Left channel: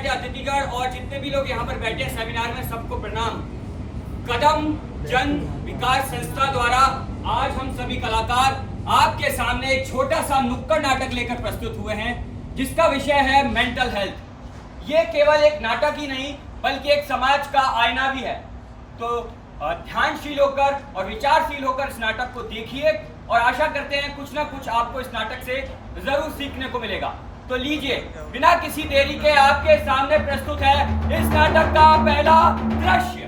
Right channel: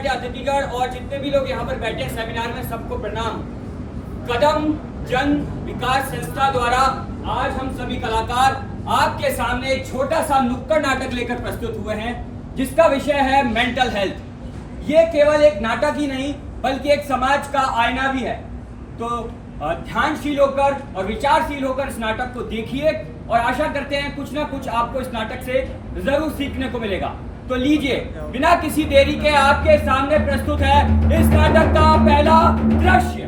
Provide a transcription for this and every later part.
बैठे अतिथिगण और जितने भी लोग यहाँ पर बैठे हैं सेमिनार में, सबको प्रणाम। कदम जन विकास संस्था द्वारा आज हम सभी कलाकार आपके सामने एक छोटा सा नुक्कड़ नाटक लेकर प्रस्तुत हुए हैं, जिसका विषय है मेंटल हेल्थ। ये केवल एक नाटक ही नहीं बल्कि एक समाज का आईना भी है। तो ध्यानशील होकर और विचारशील होकर इस नाटक को देखिए और आशा करते हैं कुछ ना कुछ आपको इस नाटक से जरूर सीखने को मिलेगा। तो लीजिए, बिना किसी देरी के आपके सामने प्रस्तुत है इस नाटक का पहला दृश्य।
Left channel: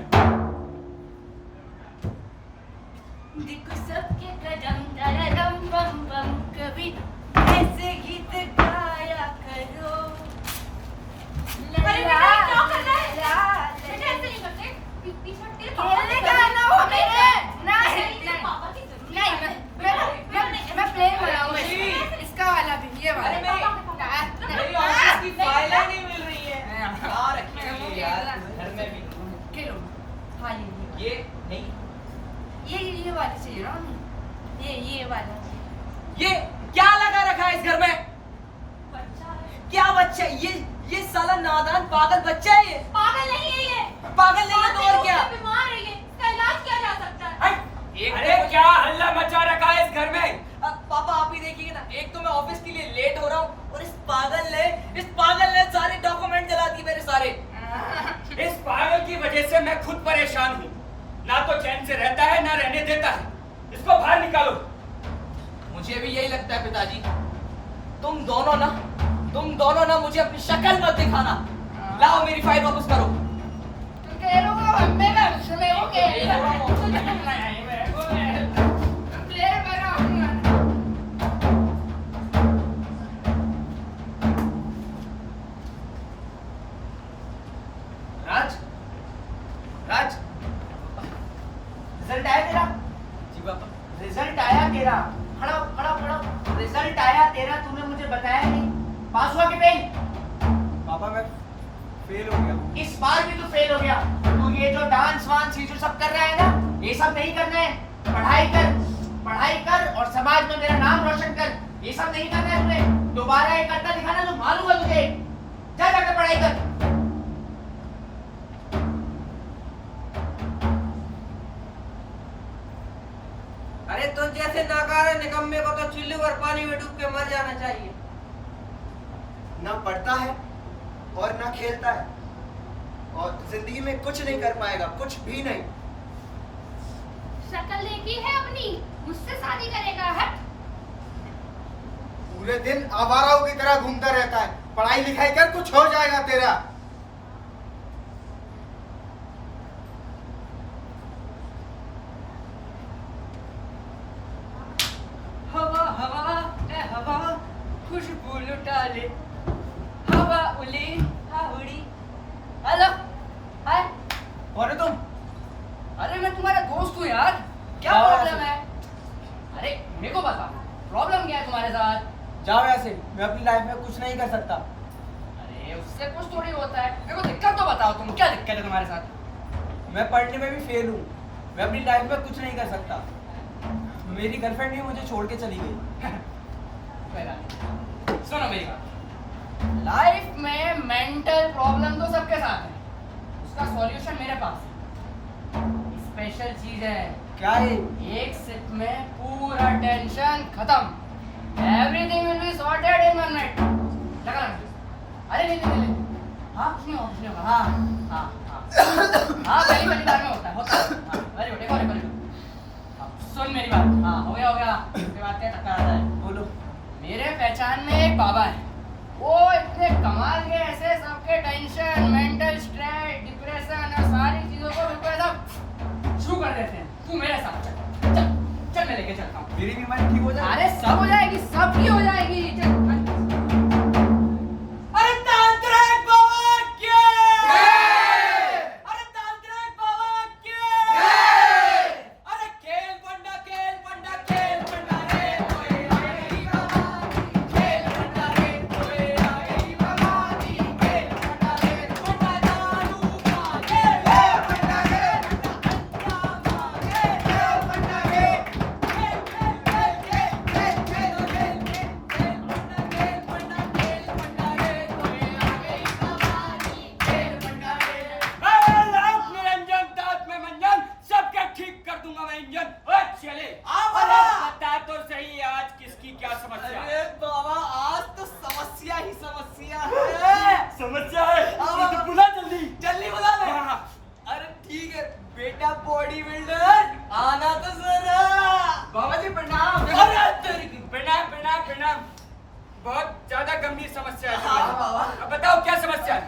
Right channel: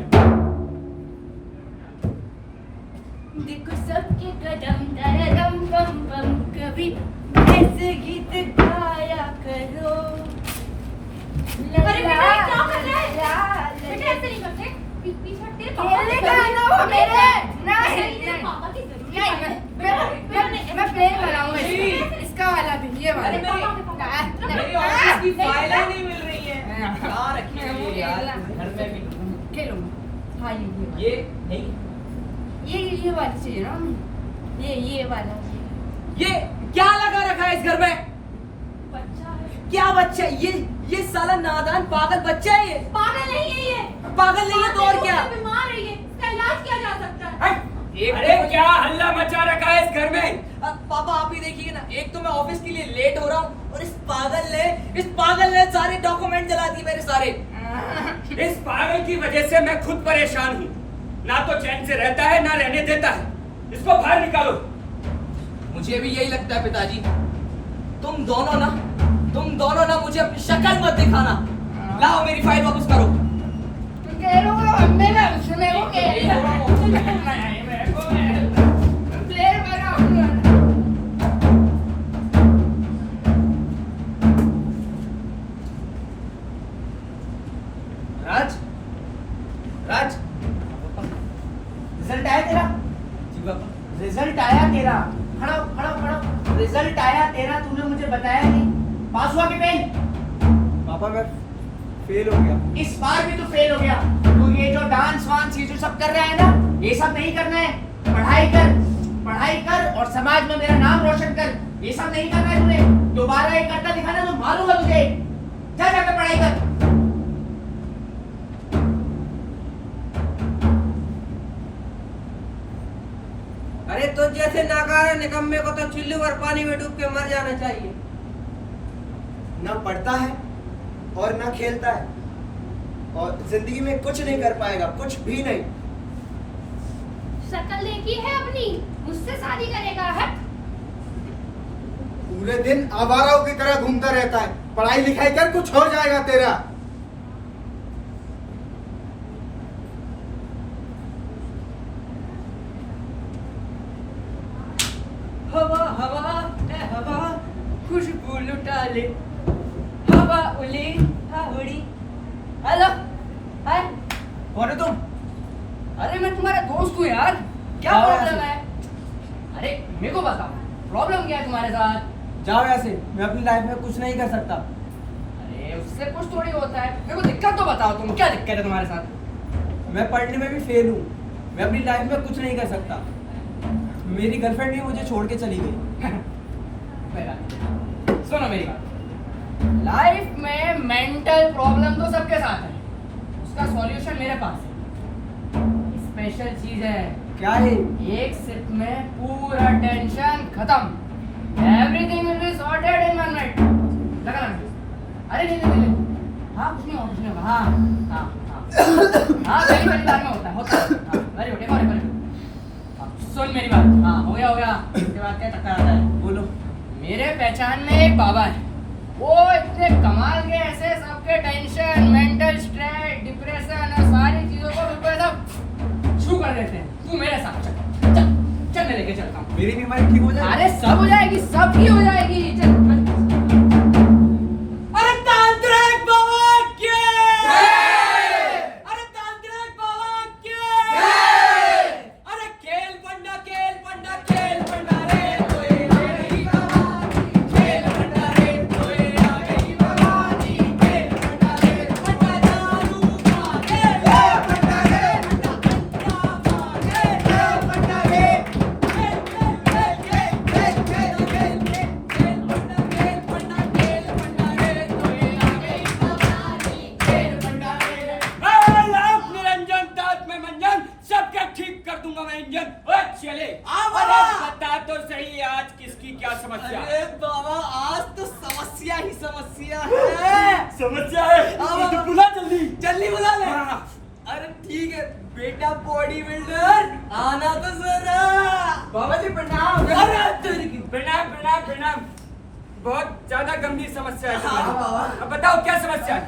देखो सबके कदम तरदम बम बम, कभी ऐसे गीत गाया करो। अरे बेटा क्या कर रहा है? बेटा ऐसे नहीं करते। पीछे हटते पापा खेलने का है ना वो मेरे। नहीं पापा की जरूरत मैं प्लेन बनाऊंगा इसका वाला भी, ये वाला। मेरी ऑफिस की फाइलें नहीं मिल रही हैं। कहाँ रखी हुई है यार? घर में भी। खेलो। हाँ ये नहीं, ये वाला चाहिए ना, ये वाला। ये क्या लगा रखा है इस घर में? बच्चा है। क्या बच्चा है? ये साला नादान पागल बच्चा है। ये पागल नहीं है ये। पागल नहीं है तो और क्या? बीमार है ये। इसका इलाज किया जा सकता है। अरे क्या हल्ला मचा रखा है इस घर में? पापा आप ही देखिए ना, एक तो मैं ऑफिस के लिए लेट हो रहा हूँ और इस पागल ने सारे डॉक्यूमेंट जला दिए मेरे सारे। इस पागल की वजह से मैं खुद परेशान हूँ। ना तो चैन से रहता है ना रहने देता है। इसको बाहर निकालो। मुझे भी यही लगता है पिताजी। तुम दोनों ना मुझे अपनी शक्ल मत दिखाना। लाओ मेरी फाइल वापस करो। राज रिजल्ट आया तेरा? जी पापा। रिजल्ट आया तेरा? खड़ा। रिजल्ट आया तेरा, तूने मुझे बताया नहीं। पास हुआ कि फेल? पापा मैं फेल हो गया। इस बार भी तू फेल हो गया। तू ये जो डांस वांस ये जो सब कर रहा है ना, ये सब नहीं करना है। पढ़ाई कर और समाज में मेरा नाम रोशन कर। ये सब नहीं करना है तुम्हें। दोबारा ये करता दिखाना तो मारूंगा तुझे। जा जाकर पढ़ाई कर। अरे तो जैसे नाकारा निकम्मे को तो चुल्लू और पानी में डूब के मर जाना चाहिए। ना पढ़ता है और ना खेलता है और जिंदगी में कुछ नहीं कर पाएगा, कुछ भी नहीं। शक्ल देखी है अपनी? मुझसे शादी करेगा? हट। पूरे दिन आवाराओं की तरह घूमता रहता है। पढ़ाई लिखाई कर, कुछ हो जाएगा तेरा। हवा खुशबू लुटा ले। हवा उली उड़ी। हेलो, हाय। कौन है तुम? अरे मैं तुम्हारा दोस्त हूँ यार। क्या जाओ प्रॉब्लम यहाँ है? अरे मेरे को बताओ, प्रॉब्लम क्या है तुम्हारे साथ? जाओ यहाँ से। मैं अपनी लाइफ में कुछ नहीं कर सकता। अरे उससे कुछ थोड़ी होता है। मेरे को दिक्कत तो बताओ, तुम क्या दिक्कत है तुम्हारे साथ? मैं पढ़ने में भी फेल हूँ। मैं अपनी लाइफ में कुछ नहीं कर सकता। मेरी गर्लफ्रेंड भी मुझे छोड़ के चली गई। सुनो मेरी बात। लाइफ में मेंटल प्रॉब्लम तो सबके साथ है, उसका सॉल्यूशन मेरे पास है। स्पेशल चीज है। क्या है? एक सिप में पूरा टेंशन खत्म। Everything will be sorted in 1 minute. लगा। अरे नहीं। हाँ कुछ नहीं होगा। हाँ पहली बार में होता है। Very good. एक सुन मेरी बात। हाँ हो गया। उसके बाद क्या टक्कर आता है? बोलो। मेरे पहचान में एक बाबा है। वो इतने कमाल के ऐसे सबके टेंशन, मेंटल स्ट्रेस, डिप्रेशन और सारी चीजों को बिल्कुल सब शुरू कर देते हैं। तू मेरे साथ चल मैं लेके चलता हूँ। मेरी बीमारी ठीक हो जाएगी? अरे सब हो जाएगी, सब ठीक हो जाएगी। चल। अरे तांत्रिक बाबा के! अरे तांत्रिक बाबा के! अरे खेल पंडा रे कोई नहीं भवानी। खेल पंडा रे कोई नहीं भवानी। खेल पंडा रे पंडा दारू मांगे। खेल पंडा रे पंडा रे खेल पंडा रे। के बेटा बॉडी बिल्डर आना तो जरा। बाबा जी प्रणाम। अरे तेरी की प्रणाम प्रणाम प्रणाम। बहुत ज्यादा गंभीर समस्या है हाँ, तुम्हारी। बाबा। अब बताओ क्या समस्या है?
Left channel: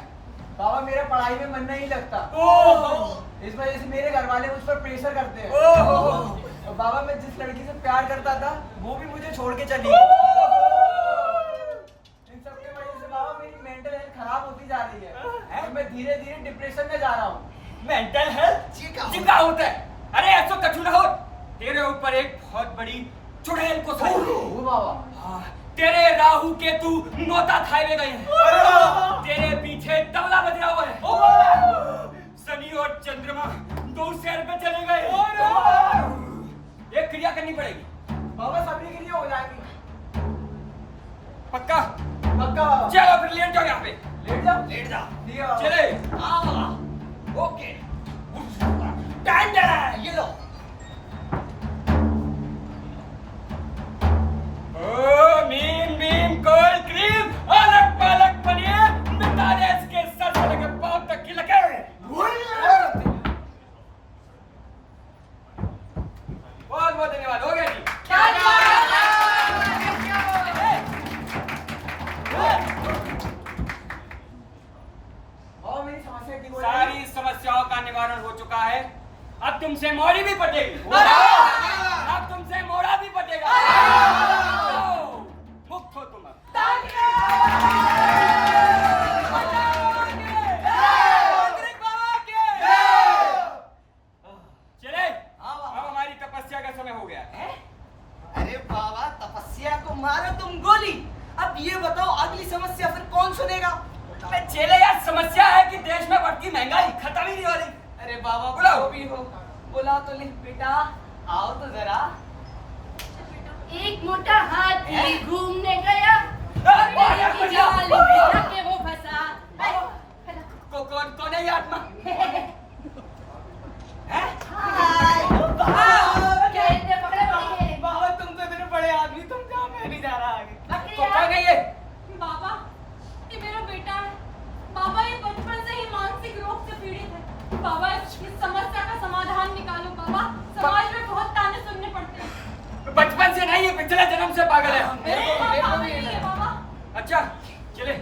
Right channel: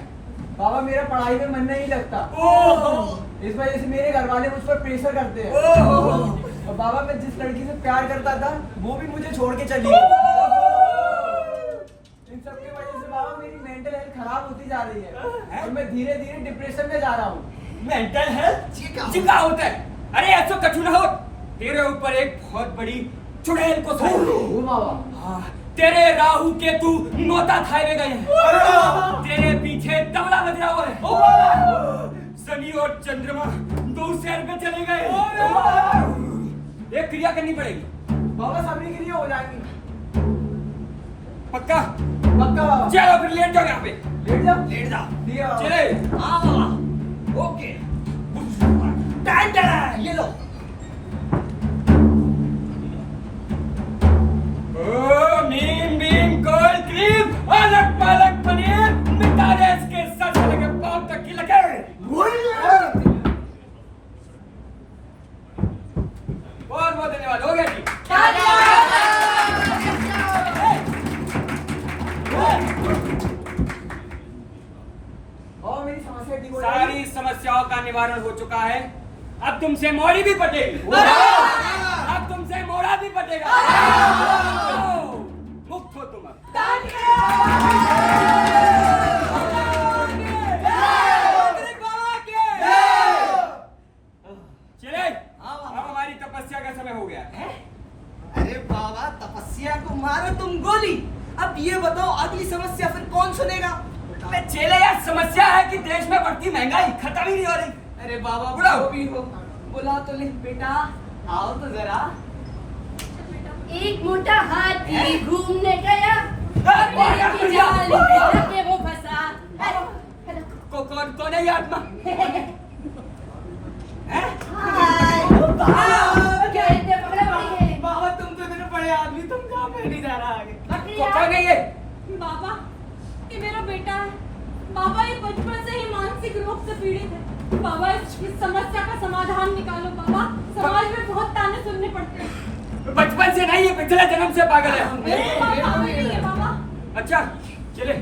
बाबा मेरा पढ़ाई में मन नहीं लगता, ओह इस वजह से मेरे घर वाले मुझ पर प्रेशर करते हैं। ओह और बाबा मैं जिस लड़की से प्यार करता था वो भी मुझे छोड़ के चली गई। इन सब की वजह से बाबा मेरी मेंटल हेल्थ खराब होती जा रही है और मैं धीरे धीरे डिप्रेशन में जा रहा हूँ। मेंटल हेल्थ जिका होता है। अरे ऐसा कछु ना हो। तेरे ऊपर एक बहुत बड़ी चुड़ैल को ओ बाबा, हाँ, तेरे राहु केतु नौता खाए गए हैं। तेरे पीछे तबला बज रहा हुआ है। शनि और चंद्रमा दो शहर में चले गए। एक क्रिया करनी पड़ेगी। बाबा सभी के लिए हो जाएगी। पक्का? पक्का बाबा। चलो फिर लेट जाओ यहाँ पे। लेट जाओ। लेट जा। ठीक है बाबा। चले। हाँ बाबा। ओके। डन ये लो। ओ मीन मीन कोल क्रीम अलग पलक बनिए मिटा दे इसके सर से लेकर पांव तक की लकीर। बहुत बहुत धन्यवाद। हो गया जी। और मेरी समस्या ठीक हो सारी समस्याओं का निवारण हो चुका है। अब तुमसे मोड़ी भी पटेगी। अब तुमसे मोड़ा भी पटेगा। तो मुक्त हो तुम अब। चले अब हमारी तपस्या का समय हो गया है। अरे बाबा तपस्या को मारो तुम गोली। अब ये बताओ अगली समस्या फिर कौन सुनेगा? अबे चेले यार समस्या है कि देश में बढ़ती महंगाई खत्म ही नहीं हो रही। अरे बाबा बुलाओ। वो भी हो। बुला तो ले बेटा, आओ तो जरा। एक मोटा हाथी घूमने गया और मेरी जाल में जाके वो फंसा। कौन है ये आत्मा? खेलते पकड़े पकड़े बाबा तुम तो इतने बड़े आदमी, तुम कहाँ पे नहीं जा रहा आगे? कौन है ये? बाबा ये मेरा बेटा है। बाबा ये बचपन से ही मानसिक रोग से पीड़ित है। बाबा इस समस्या का समाधान निकालो। बाबा समाज में बहुत ताने सुनने पड़ते हैं। बचपन से नहीं, ये पिछले जन्म से पागल है। बाबा हमें नहीं है बाबा। अच्छा चले।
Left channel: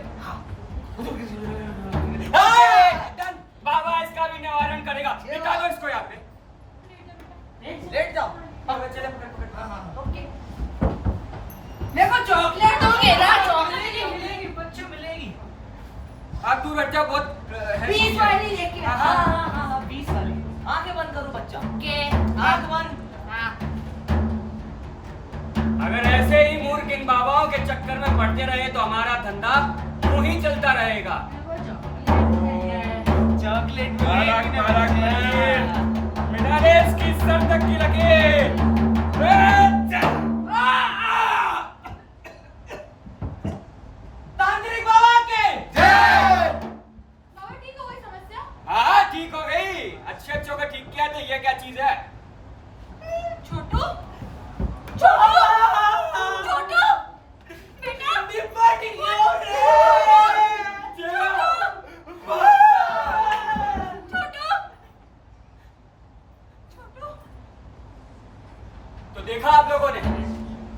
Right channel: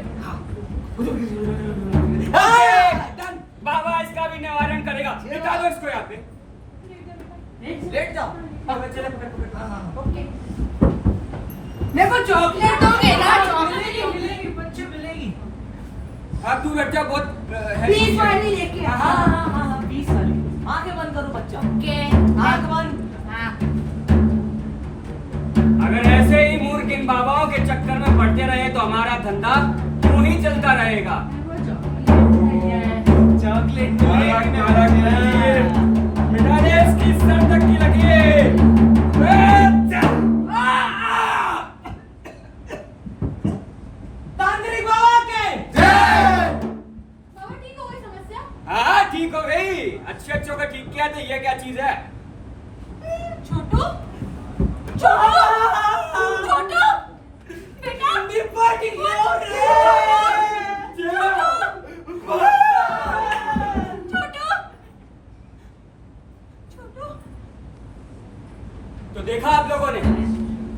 डन। बाबा इसका भी निवारण करेगा। बिठा दो इसको यहाँ पे। लेट जाओ। हाँ, चले पकड़। मेरे को चॉकलेट दोगे ना? चॉकलेट मिलेगी बच्चे मिलेगी। हाँ तू बैठ जा। बहुत 20 वाली लेके हाँ हाँ हाँ हाँ हाँ 20 वाली। आंखें बंद करो बच्चा। आंख बंद। अगर ऐसे ही मूर्ख इन बाबाओं के चक्कर में पड़ते रहे तो हमारा धंधा यूं ही चलता रहेगा। चॉकलेट मिटा दे इसकी सर तक की लकीर। तांत्रिक बाबा के बाबा ठीक हो गई समस्या? हाँ ठीक हो गई। अच्छे का ठीक किया। तो ये क्या चीज है? छोटू छोटू छोटू बेटा छोटू छोटू। तो देखा आप लोगों ने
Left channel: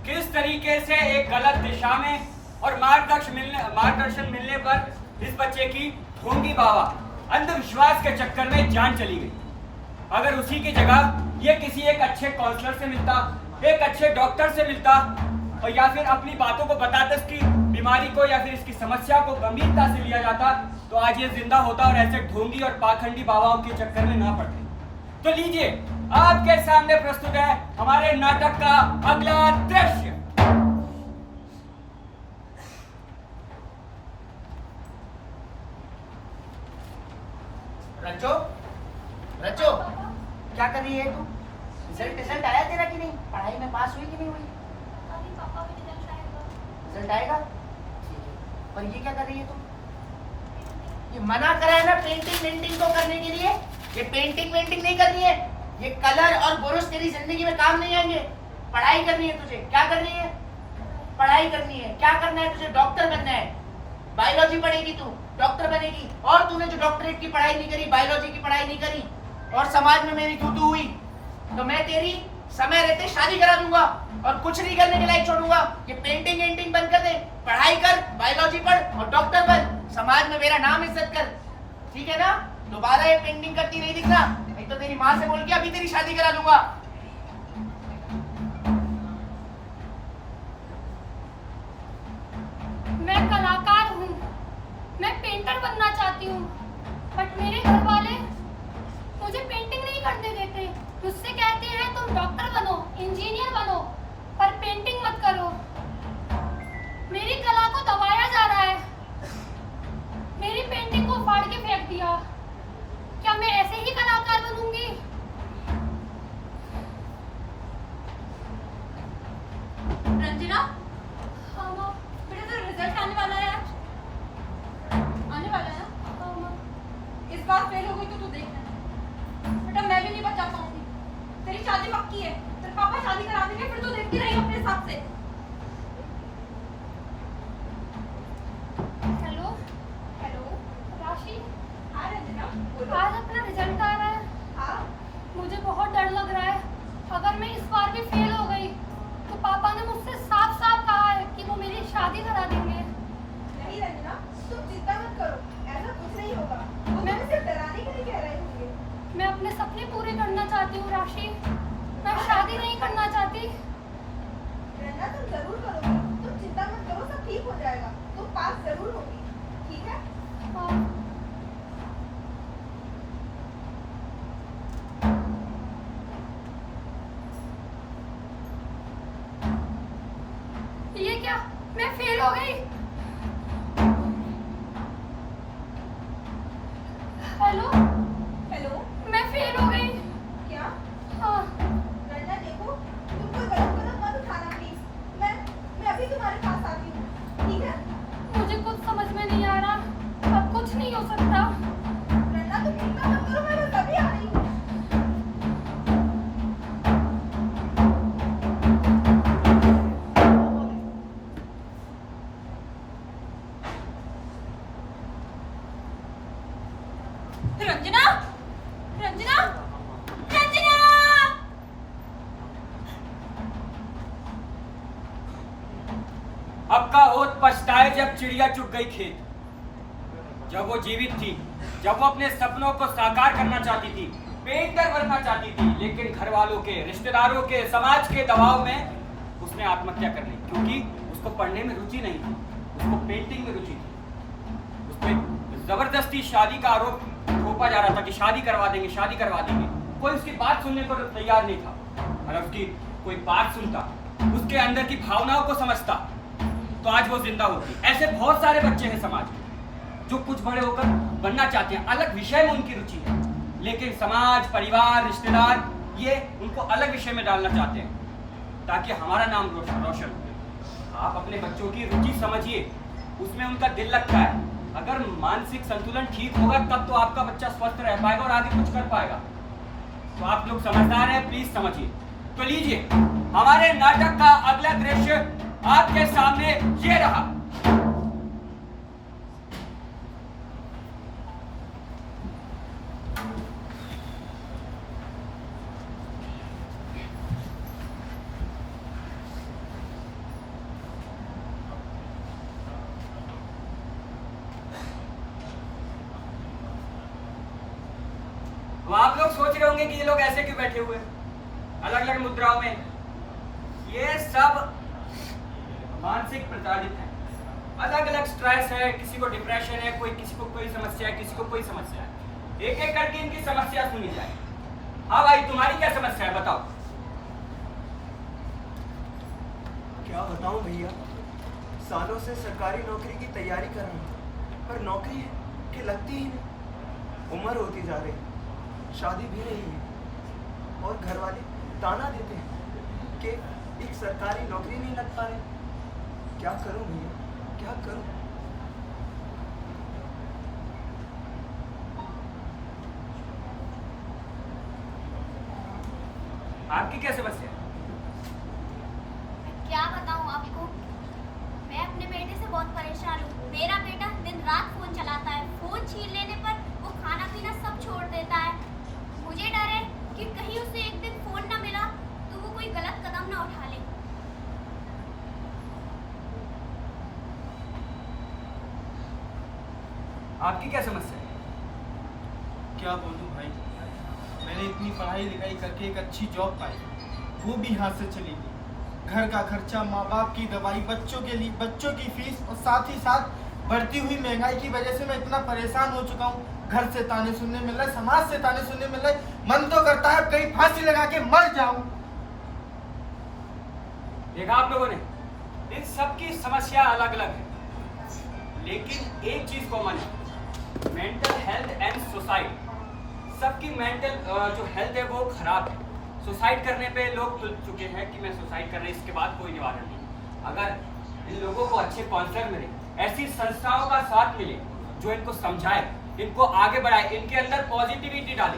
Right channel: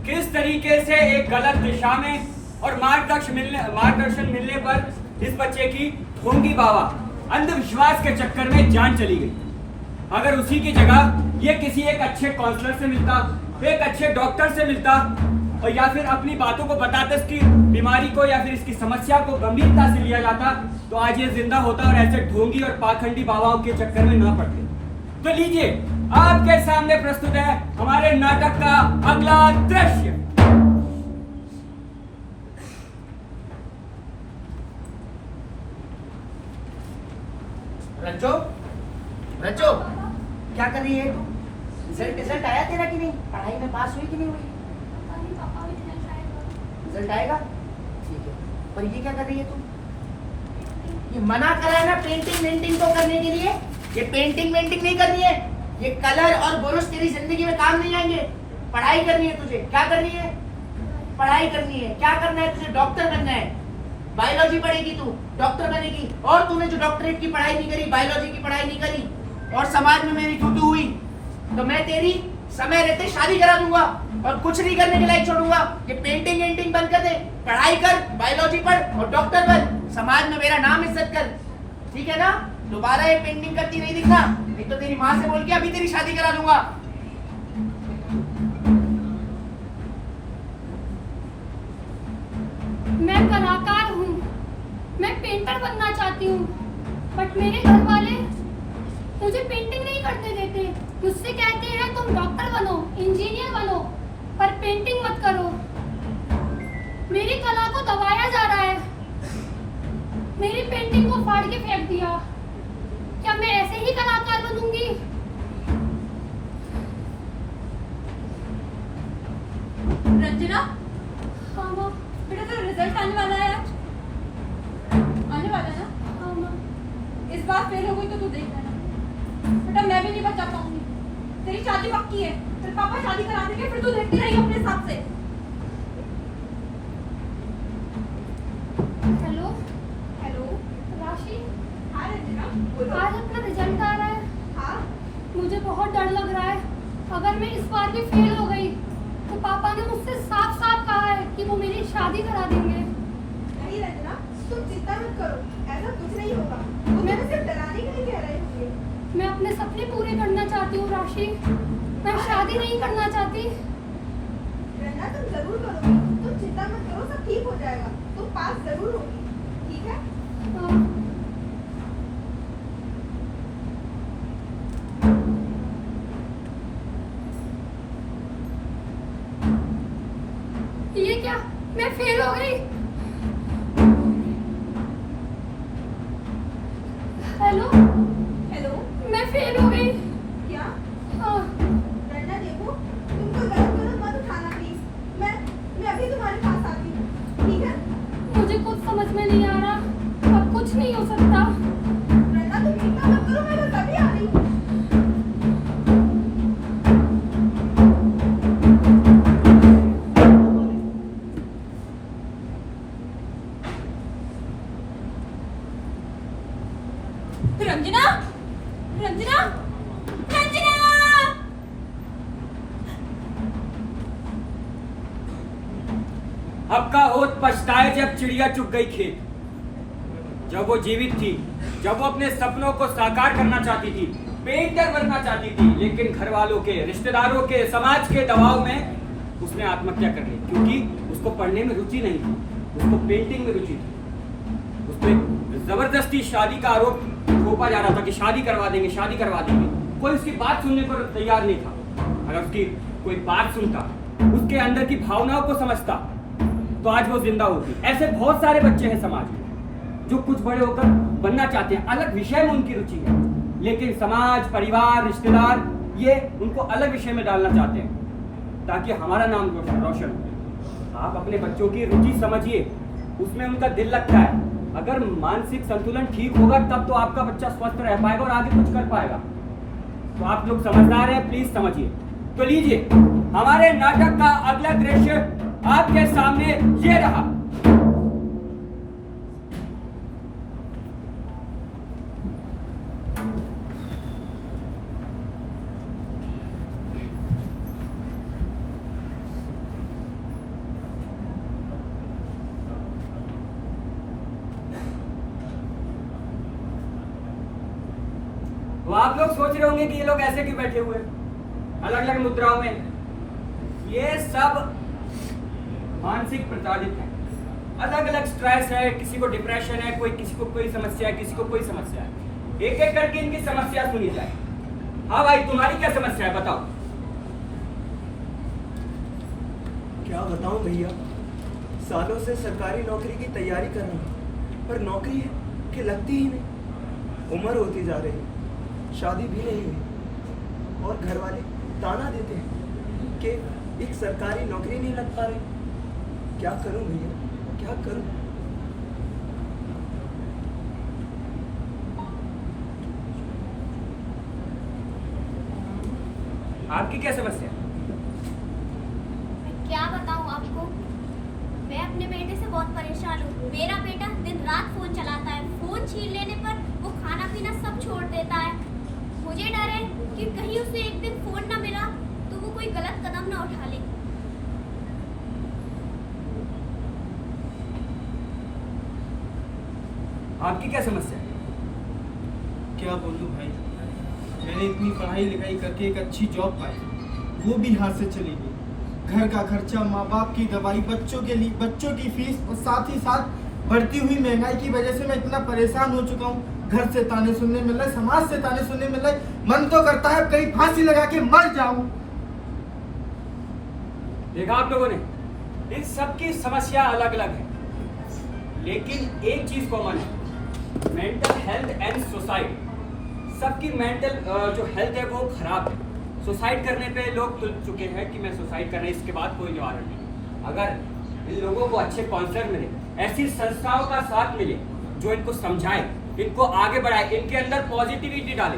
किस तरीके से एक गलत दिशा में और मार्गदर्शन मिलने पर इस बच्चे की ढोंगी बाबा अंधविश्वास के चक्कर में जान चली गई। अगर उसी की जगह ये किसी एक अच्छे काउंसलर से मिलता, एक अच्छे डॉक्टर से मिलता और या फिर अपनी बातों को बताता, इसकी बीमारी को या फिर इसकी समस्या को गंभीरता से लिया जाता, तो आज ये जिंदा होता और ऐसे ढोंगी और पाखंडी बाबाओं के चक्कर में ना पड़ते। तो लीजिए आपके सामने प्रस्तुत है हमारे नाटक का अगला दृश्य। रंजो, रंजो, क्या कर रही है तू? रिजल्ट आया तेरा कि नहीं? पढ़ाई में पास हुई कि नहीं हुई? रिजल्ट आएगा? ठीक है। और ये क्या कर रही है तू? ये मना करा है ना पेंटिंग को करने के लिए। ये पेंटिंग नहीं करनी है। ये कलर और ब्रश तेरी जिंदगी में काम नहीं आएंगे। पढ़ाई करनी है तुझे। क्या करनी है? पढ़ाई करनी है। क्या करना है तुझे? डॉक्टर बनना है। बायोलॉजी पढ़ेगी तू, डॉक्टर बनेगी। और तूने जो डॉक्टरेट की पढ़ाई नहीं करी, बायोलॉजी की पढ़ाई नहीं करी, और समाज में मेरी थूथू हुई तो मैं तेरी समय रहते शादी करा दूंगा और कुछ नहीं करने के लायक छोड़ूंगा। ये पेंटिंग एंटिंग बंद कर दे, पढ़ाई कर, बायोलॉजी पढ़ और डॉक्टर बन, समाज में मेरा नाम इज्जत कर, ठीक है ना? दोबारा ये पेंटिंग करती नहीं दिखना, नहीं तो तेरी माँ से बोल के अभी तेरी शादी करा दूंगा। मैं कलाकार हूँ, मैं पेंटर बनना चाहती हूँ, बट मेरे घर वाले मुझे पेंटिंग नहीं करने देते। मुझसे कहते हैं तुम डॉक्टर बनो, इंजीनियर बनो, पर पेंटिंग मत करो। मेरी कला को दबाया जा रहा है, मेरी पेंटिंग को फाड़ के फेंक दिया। क्या मैं ऐसे ही कलाकार बनूंगी? रंजना, हाँ माँ। बेटा तेरा रिजल्ट आने वाला है आज, आने वाला है ना? हाँ माँ। इस बार फेल हो गई तो तू देख लेना बेटा, मैं भी नहीं बचा पाऊंगी। तेरी शादी पक्की है, तेरे पापा शादी करा देंगे, फिर तू देखती रही अपने हिसाब से। हेलो हेलो राशि। हाँ रंजना, आज अपना रिजल्ट आ रहा है। हाँ। मुझे बहुत डर लग रहा है, अगर मैं इस बार भी फेल हो गई तो पापा ने मुझसे साफ साफ कहा है कि वो मेरी शादी करा देंगे। नहीं रंजना, तुम चिंता मत करो, ऐसा कुछ नहीं होगा। मैं सिर्फ डराने के लिए कह रही थी। मैं अपने सपने पूरे करना चाहती हूँ राशि, मैं शादी नहीं करना चाहती। रंजना तुम जरूर करोगी, तुम चिंता मत करो, सब ठीक हो जाएगा, तुम पास जरूर होगी, ठीक है? हाँ। ये क्या, मैं फेल हो गई? हेलो हेलो, मैं फेल हो गई। क्या? हाँ। रंजना देखो, तुम कोई गलत कदम मत उठाना प्लीज। मैं अभी तुम्हारे पास आती हूँ, ठीक है? मुझे कुछ समझ में नहीं आ रहा, अब कुछ नहीं हो सकता। रंजना तुम चिंता मत करो, मैं बस अभी आ रही हूँ। रंजना, रंजना, रंजना! अब का होत पछताए जब चिड़िया चुग गई खेत। जब वो जीवित थी, जब वो अपने सपनों को साकार करना चाहती थी, पेंटर बनना चाहती थी, लेकिन घर वालों के, रिश्तेदारों के, समाज के दबाव में उसने आत्महत्या कर ली, क्योंकि उसको पढ़ने में रुचि नहीं थी, उसको पेंटिंग में रुचि थी। उस पर जबरदस्ती शादी का आरोप थोपा जा रहा था कि शादी करवा देंगे, शादी करवा देंगे। कोई उसकी बात सुनने को तैयार नहीं था। अगर उसकी कोई बात सुनता, उसके अंदर की भावनाओं को समझता, तो आज वो जिंदा होती। ऐसे बहुत सारे बच्चे हैं समाज में जो कुछ बड़े होकर बनना चाहते हैं, अलग विषय में उनकी रुचि है, लेकिन समाज, परिवार, रिश्तेदार ये उनको अलग विषय में डालना चाहते हैं ताकि हमारा नाम रोशन हो। आप अपने बच्चों की रुचि समझिए, उसमें उनका दिल लगता है। अगर मानसिक संतुलन ठीक होगा तब तो आपका बच्चा स्वस्थ रह पाएगा और आगे कुछ कर पाएगा। तो आप लोग समझदार हैं, प्लीज समझिए। तो लीजिए, हमारे नाटक का अगला दृश्य आपके सामने ये रहा। तो आप लोग सोच रहे होंगे कि ये लोग ऐसे क्यों बैठे हुए अलग अलग मुद्राओं में। ये सब मानसिक प्रताड़ित है, अलग अलग स्ट्रेस है, किसी को डिप्रेशन है, कोई किसी को कोई समस्या है, किसी को कोई समस्या है। एक एक करके इनकी समस्या सुनी जाए। हाँ भाई, तुम्हारी क्या समस्या है, बताओ। क्या बताऊं भैया, सालों से सरकारी नौकरी की तैयारी कर रहा हूं, पर नौकरी है कि लगती ही नहीं। उम्र होती जा रही है, शादी भी नहीं है, और घर वाले ताना देते हैं कि एक सरकारी नौकरी नहीं लग पा रही। क्या करूं भैया, क्या करूं? आपकी क्या समस्या है? मैं क्या बताऊं आपको, मैं अपने बेटे से बहुत परेशान हूँ। मेरा बेटा दिन रात फोन चलाता है, फोन छीन लेने पर वो खाना पीना सब छोड़ देता है। मुझे डर है कि कहीं उसे एक दिन फोन ना मिला तो वो कोई गलत कदम ना उठा ले। आपकी क्या समस्या है? क्या बोलूं भाई, मैंने इतनी पढ़ाई लिखाई करके एक अच्छी जॉब पाई, वो भी हाथ से चली गई। घर का खर्चा, माँ बाप की दवाई, बच्चों की फीस और साथ ही साथ बढ़ती हुई महंगाई की वजह से मैं इतना परेशान हो चुका हूँ। घर से ताने सुनने मिल रहे, समाज से ताने सुनने मिल रहे, मन तो करता है कहीं फांसी लगा के मर जाऊं। देखा आप लोगों ने, इन सब की समस्या अलग अलग है, लेकिन एक चीज कॉमन है, मेंटल हेल्थ एंड सुसाइड। सबकी मेंटल जो हेल्थ है वो खराब है। सुसाइड करने पे लोग तुल चुके हैं कि मैं सुसाइड कर रहा हूं, इसके बाद कोई निवारण नहीं। अगर इन लोगों को अच्छे काउंसलर मिले, ऐसी संस्थाओं का साथ मिले जो इनको समझाए, इनको आगे बढ़ाए, इनके अंदर पॉजिटिविटी डाले,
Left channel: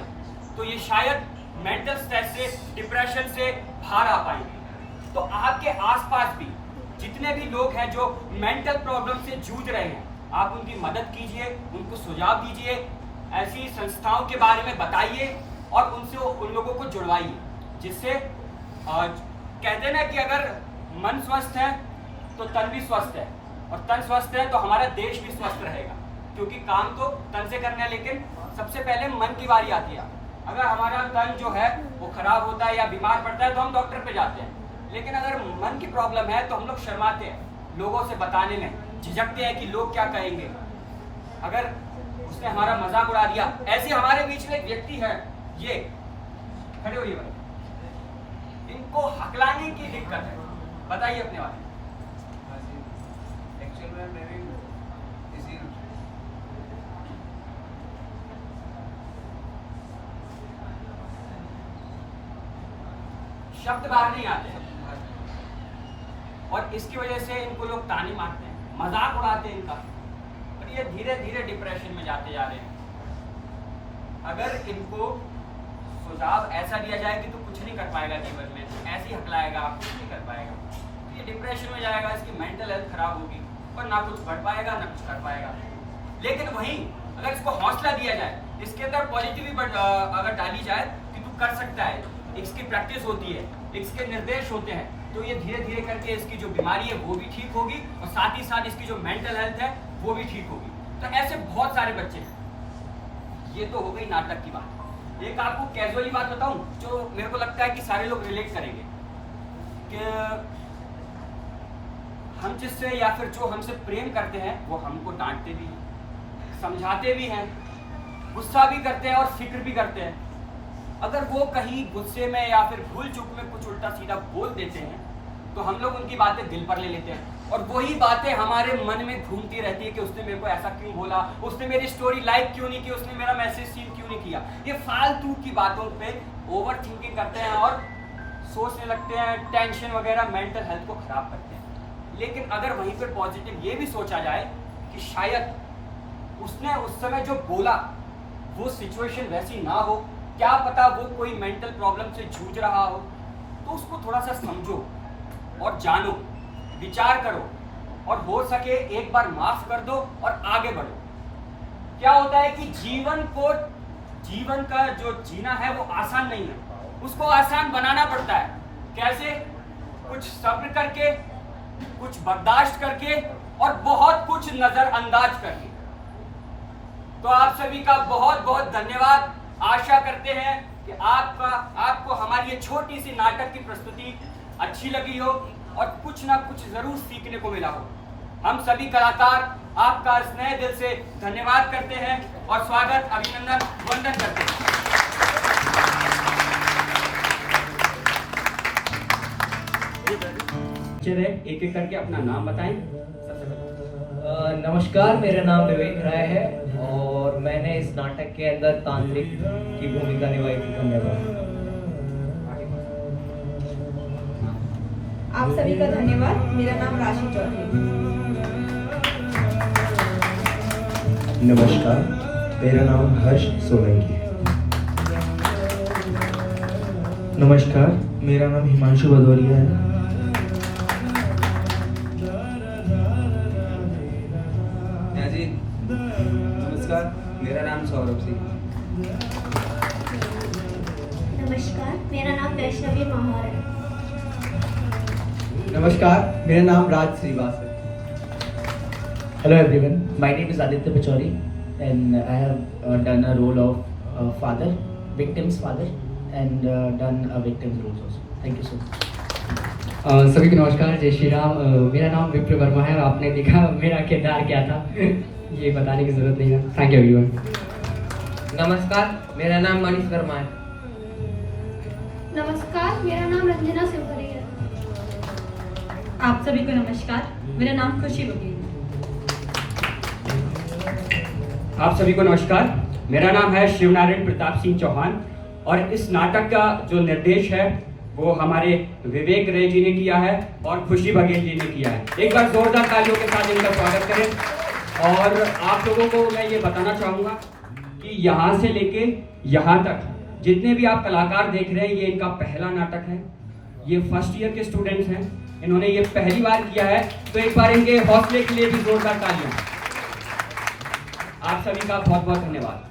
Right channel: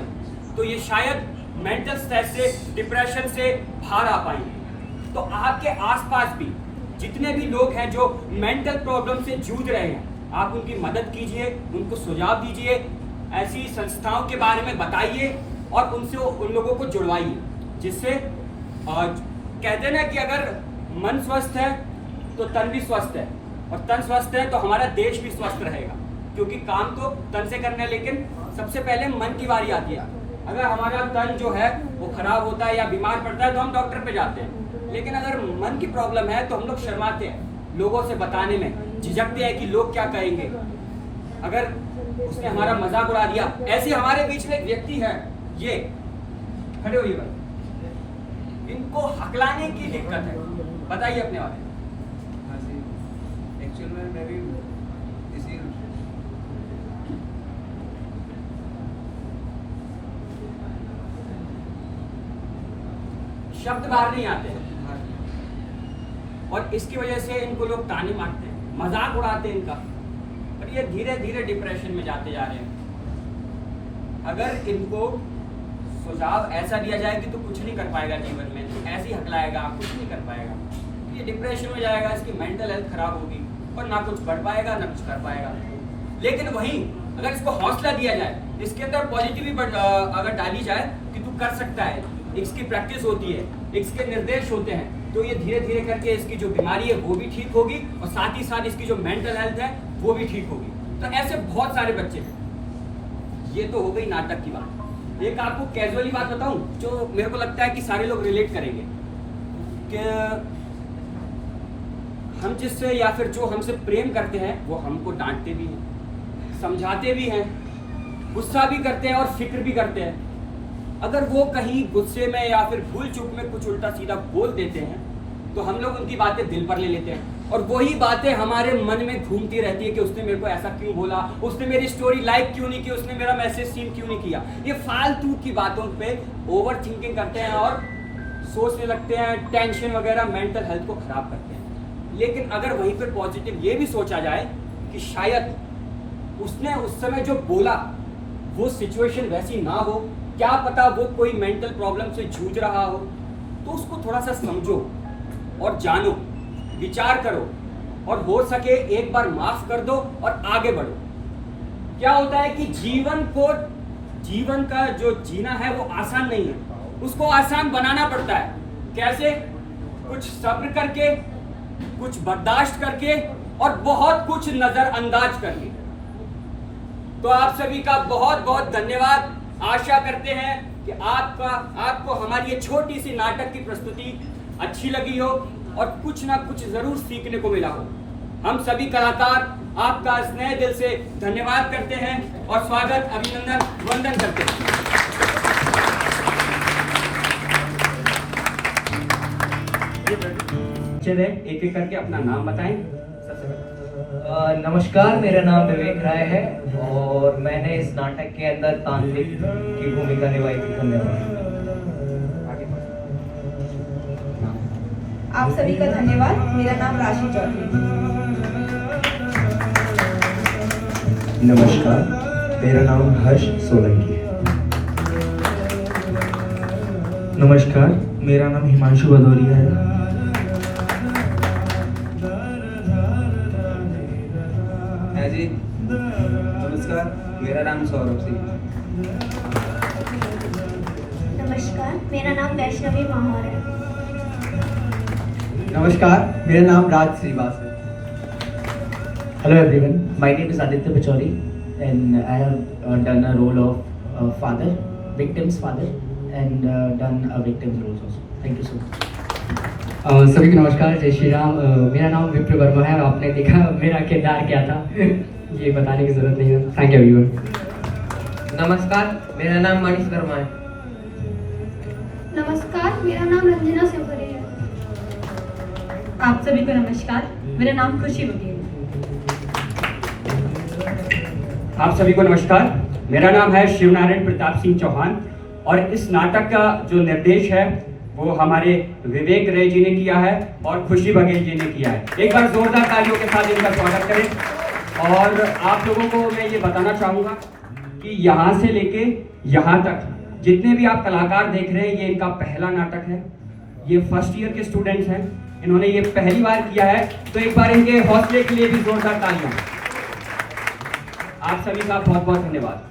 तो ये शायद मेंटल स्ट्रेस से, डिप्रेशन से बाहर आ पाएंगे। तो आपके आसपास भी जितने भी लोग हैं जो मेंटल प्रॉब्लम से जूझ रहे हैं, आप उनकी मदद कीजिए, उनको सुझाव दीजिए, ऐसी संस्थाओं के बारे में बताइए और उनसे उन लोगों को जुड़वाइए, जिससे कहते हैं ना कि अगर मन स्वस्थ है तो तन भी स्वस्थ है, और तन स्वस्थ है तो हमारा देश भी स्वस्थ रहेगा। क्योंकि काम तो तन से करना है, लेकिन सबसे पहले मन की बारी आती है। अगर हमारा तन जो है वो खराब होता है या बीमार पड़ता है तो हम डॉक्टर पे जाते हैं, लेकिन अगर मन की प्रॉब्लम है तो हम लोग शर्माते हैं लोगों से बताने में, झिझकते हैं कि लोग क्या कहेंगे, अगर उसने हमारा मजाक उड़ा दिया। ऐसे हमारे बीच में एक व्यक्ति है, ये खड़े होइए भाई, इनको हकलाने की दिक्कत है, बताइए अपने बारे में। एक्चुअल में मेरी इसी शब्द बाहर नहीं आते हैं और इसकी वजह से इनको लोग ताने मारते हैं, मजाक उड़ाते हैं इनका, और ये धीरे धीरे डिप्रेशन में जाते जा रहे हैं। अगर इनको सुझाव ऐसा दिया जाए कि तू कुछ नहीं कर पाएगा जीवन में, ऐसे ही हकलाएगा, कुछ नहीं कर पाएगा, ये डिप्रेशन में जाएगा, इसकी मेंटल हेल्थ खराब होगी और ना कुछ बढ़ पाएगा ना कुछ कर पाएगा। लेकिन वहीं अगर इसको हौसला दिया जाए, इसके अंदर पॉजिटिविटी अगर डाली जाए कि तू कर सकता है, इसकी प्रैक्टिस होती है, इसके निर्देश होते हैं, तो ये धीरे धीरे करके इसकी जो बीमारी है वो भी ठीक होगी और साथ ही साथ इसकी जो मेंटल हेल्थ है वो भी ठीक होगी। तो ऐसे बहुत सारे बच्चे हैं। ये तो हो गई नाटक की बात। एक आपको कैजुअली बात बताऊं जो मेरे को लगता है कि सारे लोग रिलेट करेंगे, कि हम जिससे या फिर जो हमसे प्रेम करते हैं वो हमको डांटते भी हैं, समझाते भी हैं, गुस्सा भी करते हैं और फिक्र भी करते हैं। अगर वो कहीं गुस्से में या फिर भूल चूक में कुछ उल्टा सीधा बोल देते हैं तो हम लोग उनकी बातें दिल पर ले लेते हैं और वही बातें हमारे मन में घूमती रहती है कि उसने मेरे को ऐसा क्यों बोला, उसने मेरी स्टोरी लाइक क्यों नहीं की, उसने मेरा मैसेज सीन क्यों नहीं किया। ये फालतू की बातों पे ओवर थिंकिंग करते हैं और सोचने लगते हैं, टेंशन वगैरह मेंटल हेल्थ को खराब करते हैं। लेकिन अगर वहीं पर पॉजिटिव ये भी सोचा जाए कि शायद उसने उस समय जो बोला वो सिचुएशन वैसी ना हो, क्या पता वो कोई मेंटल प्रॉब्लम से जूझ रहा हो, तो उसको थोड़ा सा समझो और जानो, विचार करो और हो सके एक बार माफ कर दो और आगे बढ़ो। क्या होता है कि जीवन का जो जीना है वो आसान नहीं है, उसको आसान बनाना पड़ता है। कैसे? कुछ सब्र करके, कुछ बर्दाश्त करके और बहुत कुछ नजरअंदाज करके। तो आप सभी का बहुत बहुत धन्यवाद। आशा करते हैं कि आपको हमारी ये छोटी सी नाटक की प्रस्तुति अच्छी लगी हो और कुछ ना कुछ जरूर सीखने को मिला हो। हम सभी कलाकार आपका स्नेह दिल से धन्यवाद करते हैं और स्वागत, अभिनंदन, वंदन करते हैं। एक एक करके अपना नाम बताएं। नमस्कार, मेरा नाम विवेक राय है और मैंने इस नाटक के अंदर तांत्रिक की भूमिका निभाई थी। धन्यवाद। आप सभी का धन्यवाद। मेरा नाम राशि चौधरी। नमस्कार, मेरा नाम हर्ष सोलंकी है। नमस्कार, मेरा नाम हिमांशु भदौरिया है। नमस्कार, मेरा नाम सौरभ सिंह। वैष्णवी महार है। नमस्कार, मेरा नाम राज श्रीवास है। Hello everyone, my name is Aditya Pachori and I have done a role of father, victim's father and done a victim's role also. Thank you so much. सभी को नमस्कार, जय श्री राम। मेरा नाम विप्र वर्मा है और आपने देखा मेरा किरदार क्या था, ये बताने की जरूरत नहीं है। Thank you everyone. नमस्कार, मेरा नाम मनीष वर्मा है। नमस्कार, मेरा नाम रंजना शिवपुरी है। आप सभी को नमस्कार, मेरा नाम खुशी बघेल है। आप सभी को नमस्कार, मेरा नाम है शिवनारायण प्रताप सिंह चौहान और इस नाटक का जो निर्देश है वो हमारे विवेक रे जी ने किया है और खुशी बघेल जी ने किया है। एक बार जोरदार तालियों के साथ इनका स्वागत करें। और आप लोगों को मैं ये बताना चाहूँगा कि यहाँ से लेके यहाँ तक जितने भी आप कलाकार देख रहे हैं, ये इनका पहला नाटक है। ये फर्स्ट ईयर के स्टूडेंट्स हैं, इन्होंने ये पहली बार किया है, तो एक बार इनके हौसले के लिए भी जोरदार तालियां। आप सभी का बहुत बहुत धन्यवाद।